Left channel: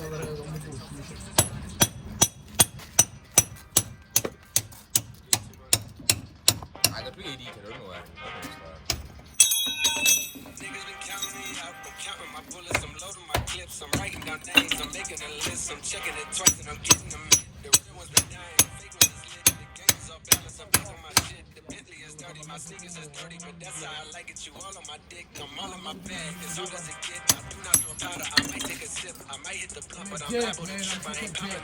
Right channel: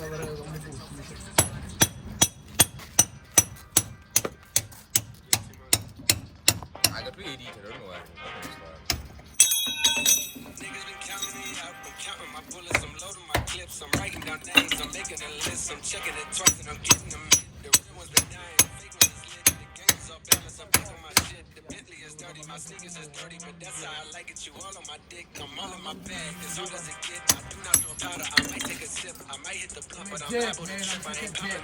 Ada tuh di jalur luar. I'm writing down things, I'm making a list, I'm checking it twice, and I'm getting them. Jack, man, I'm picking Jack.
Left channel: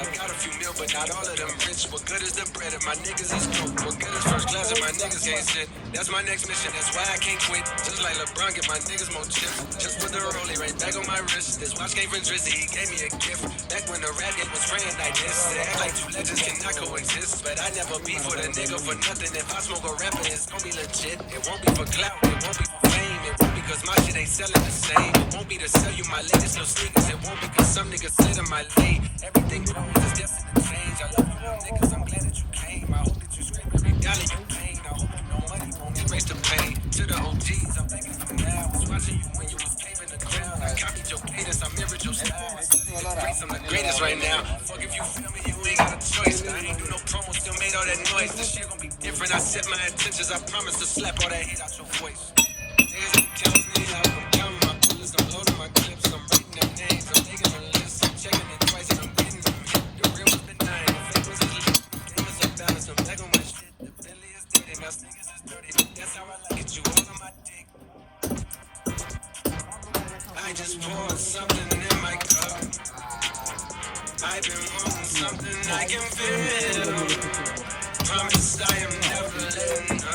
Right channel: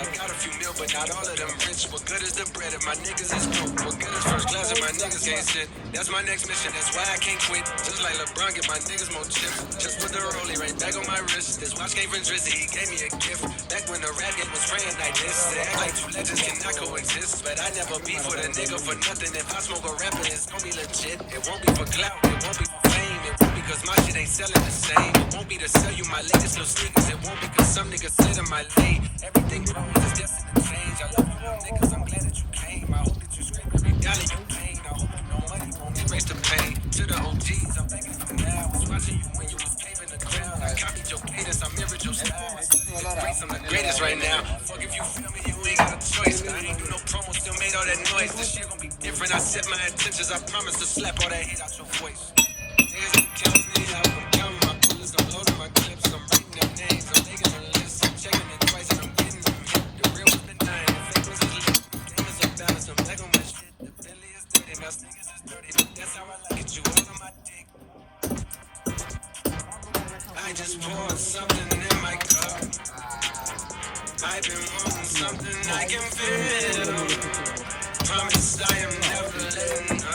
I got a few mil, but not all of them bitch. What good is the bread and my niggas is shit. That's my next mission, that's why I can't quit. Just like LeBron, get my niggas more chips. Just wanna go to right back on my wrist. This watch came from Drizzy, he gave me a gift. Back when the rap game was spraying that kiss. Legends I not coexist, but I never beef with a nigga for nothing. If I smoke a rapper, it's only legit. It won't be for clout, it won't be for fame. It won't because my shit ain't selling the same. It won't be to sell you my latest new sneakers. It won't because some niggas sit in my lane. Everything wrong is just in the change. I love you, niggas. I'm glad that you came. I hope that you straight with the galley you came. I hope I'm no money won't erase the pain. To the OGs, I'm making it now. I was watching you when you was caving the ground. I copied your cadence, I mirrored your style. I'm the greatest right now. Fuck if you feel me, you ain't got a choice. I ain't even no promo, still made all that noise. This shit gon' be different. I set my intentions. I promise to slap all that hate out your voice. Here's the time, nigga. I'm counting my bullets. I'm loading my clips. I'm putting that things. I'm taking it easy. I'm checking it twice. I'm getting them. I'm back on my shit. The deadly is dirty. Now niggas is dirty. But that's how I like it. You all on my dick. I just want something in my cup. I've been wanting something I can feel. Promise I don't ever let you go.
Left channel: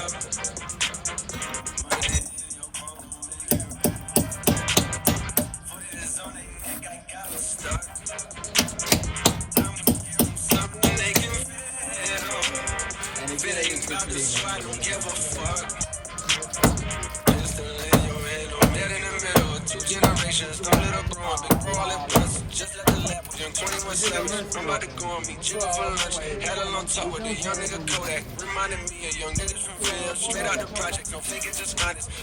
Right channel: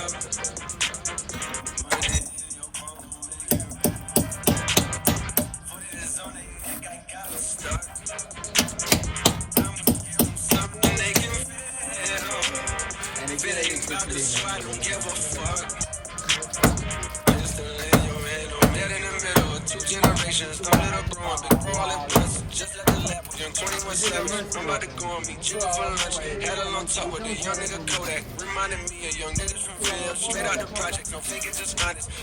I'm about to go on me.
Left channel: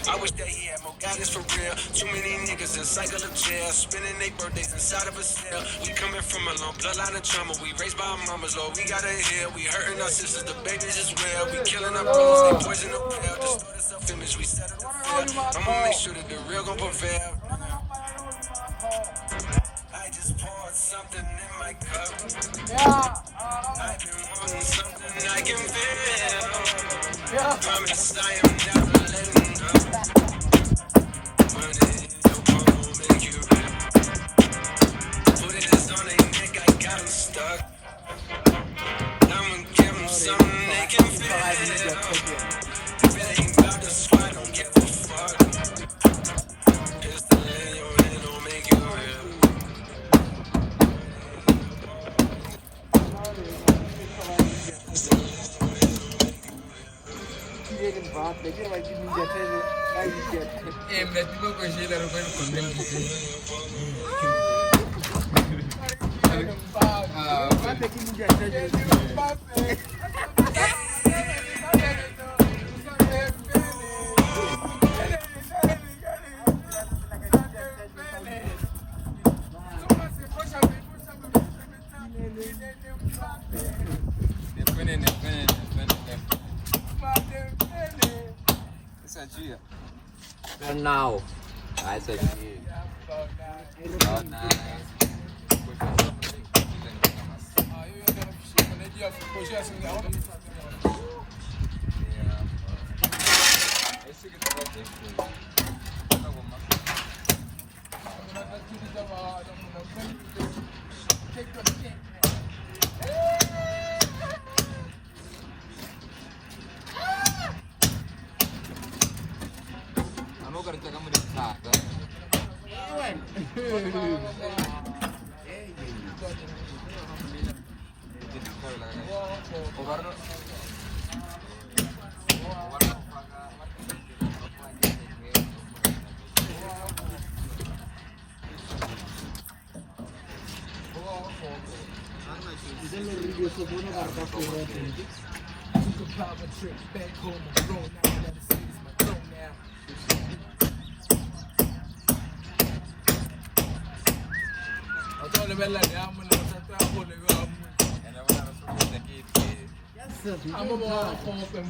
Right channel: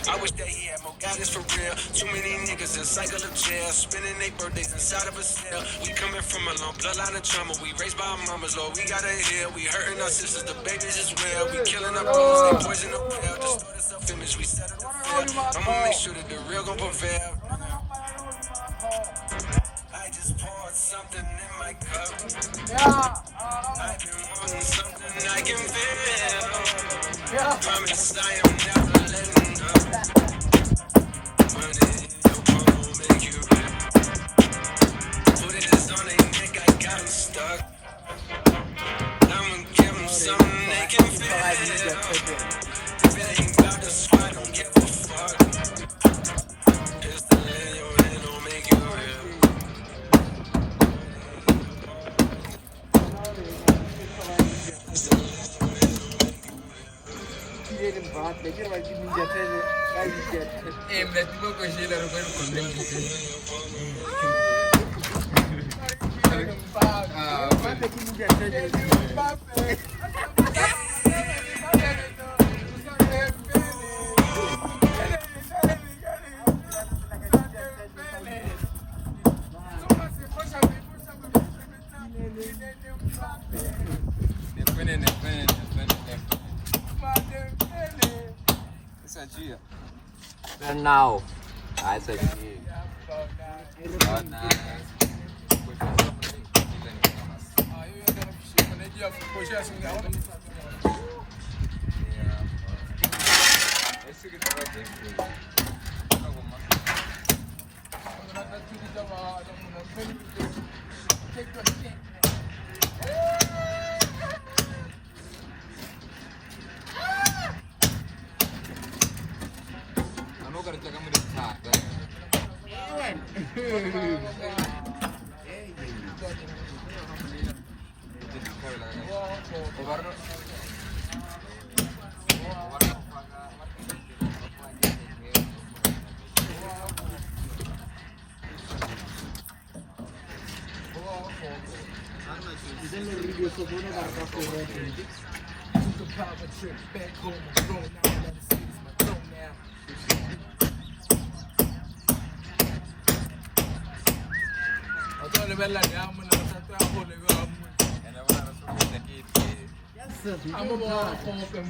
I wish that he had more guidance for real. Too many niggas inside of the jail, spinning their birthdays inside of a cell. We coming from a long bloodline of trauma. We raised by our mamas, Lord. We gotta heal. We hurting our sisters. The babies is real. We killing our brothers. They poison the pill. Just let us up finish. We settle the field. I'ma make sure that the real gon' prevail. I just poured something in my cup. I've been wanting something I can feel. Promise I don't berarti kok kasih taruh kau komen gitu. And now, I said, kerja kamu di sana.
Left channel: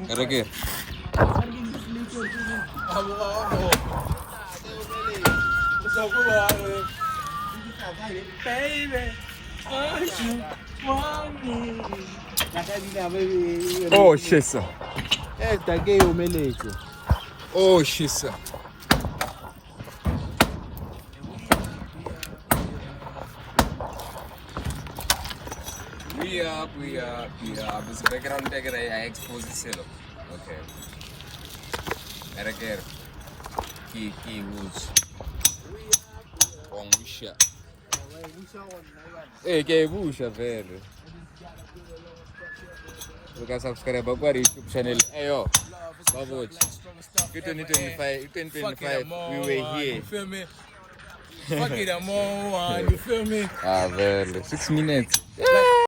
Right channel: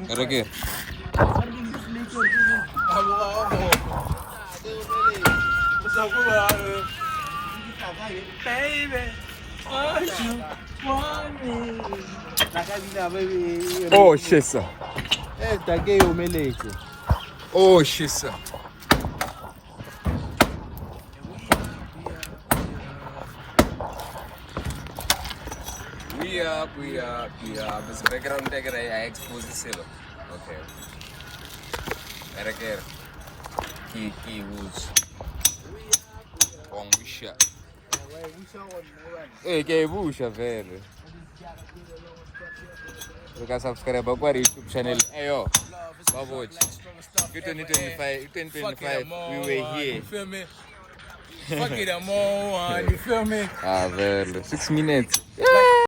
Erekir. Oh shit sir. Oh shit sir. Yeah. This background tag I expose the silo. Okay. Erekir. Kiki Woods. Bom bicha. Que bucha, velho. Colocar subscribe para o YouTube channel. Hey yo, Baboch. 2025, we were here. You feel me? Fuck it, I'm on, you feel me? Ah, velho. 6 minutes. Like